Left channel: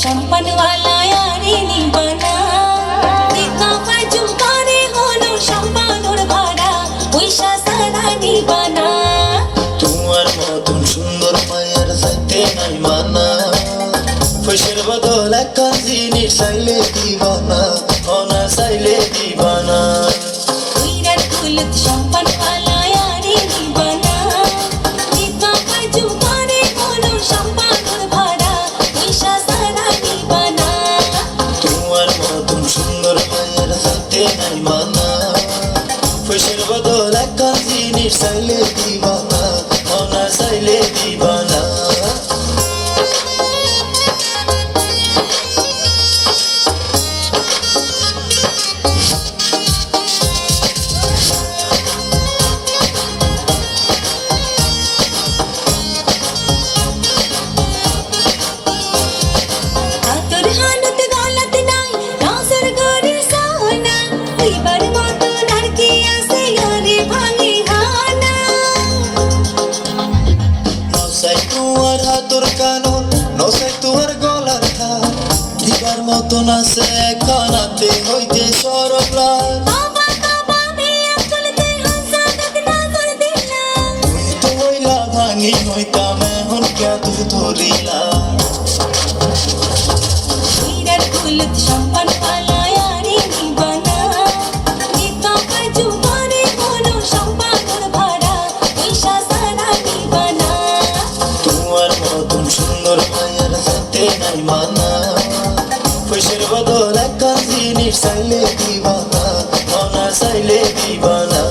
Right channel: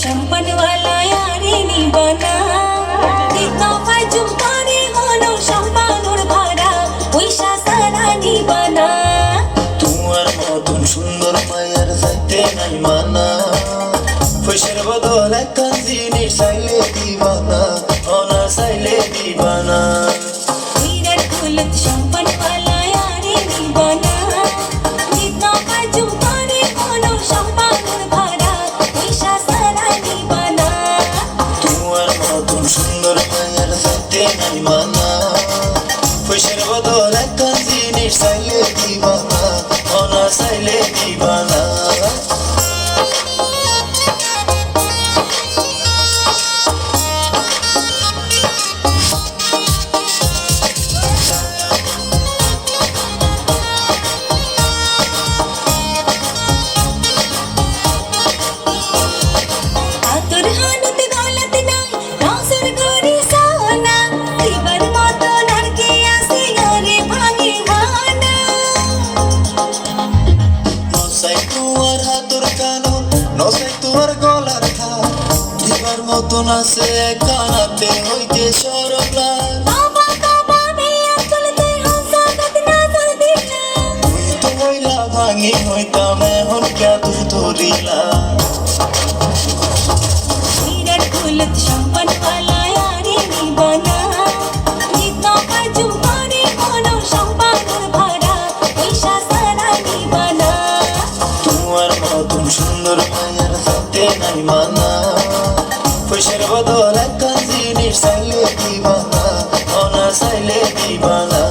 शंपन वाला यारी नी बना जितना पाय चुम्पाने होलो शंपानोर भाड़ा পয়সা সারা নি বানা তোমার মতন সুন্দর মায়ের যাইতে নাই মানা পয়সার বদল একটা জিনিস চাইলে দিবানা অনা চাইলে দিবানা বিরাট কুলত শম্পন वाला यारी नी बना जितना पाय चुम्पाने होलो शंपानोर भाड़ा পয়সা সারা নি বানা তোমার মতন সুন্দর মায়ের যাইতে নাই মানা পয়সার বদল একটা জিনিস চাইলে দিবানা অনা চাইলে দিবানা আতর হানত দৌলত নাই রাসর গরি সোনা দিবার মতো নারকে আসে গরে ভাঙি হানা নসাই তোমার হাতর কানন নসাই তোমার গলার থাল দিবার মতন আছে কানাতে হইতে সরবলাল বাবা বাবা মেয়া চলতে হাসানত নজর দিলা তুই তো হইলা ভাঙি হইতাম এখন কে তুই ধরিলা বিরাট কুলত শম্পন वाला यारी नी बना जितना पाय चुम्पाने होलो शंपानोर भाड़ा পয়সা সারা নি বানা তোমার মতন সুন্দর মায়ের যাতে নাই মানা পয়সার বদল একটা জিনিস চাইলে দিবানা অনা চাইলে দিবানা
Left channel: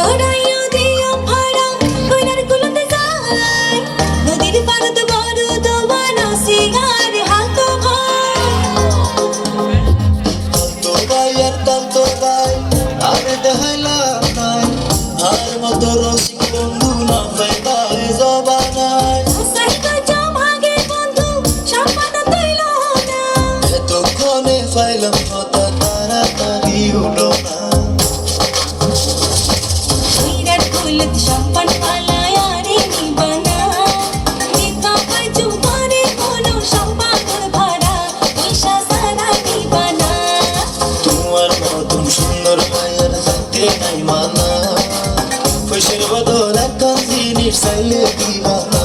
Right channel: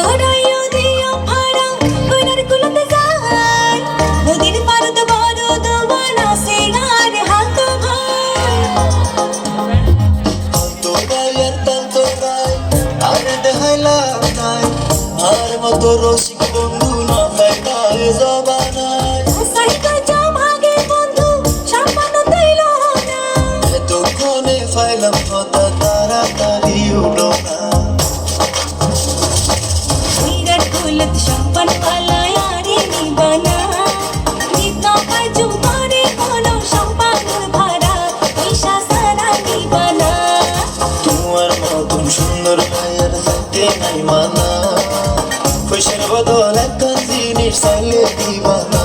ওডরাইও দিও ভাড়া কইনার কুলতে যায় নদীর পারদ বড় দোবানা সিগার হাত ভাই তো গায়ের তাল তো গায় আরে দেখাইলা নাই আর মতো রসিক বন্ধু না পাইতায় জবানায় সাইকা জমাগে বন্ধু সম্মান তৈল না এতক্ষণে পাইলাম কথা তাড়াতাড়ি উঠো না বিরাট কুলত শম্পন वाला यारी नी बना जितना पाय चुम्पाने होलो शंपानोर भाड़ा পয়সা সারা নি বানা তোমার মতন সুন্দর মায়ের যাইতে নাই মানা পয়সার বদল একটা জিনিস চাইলে দিবানা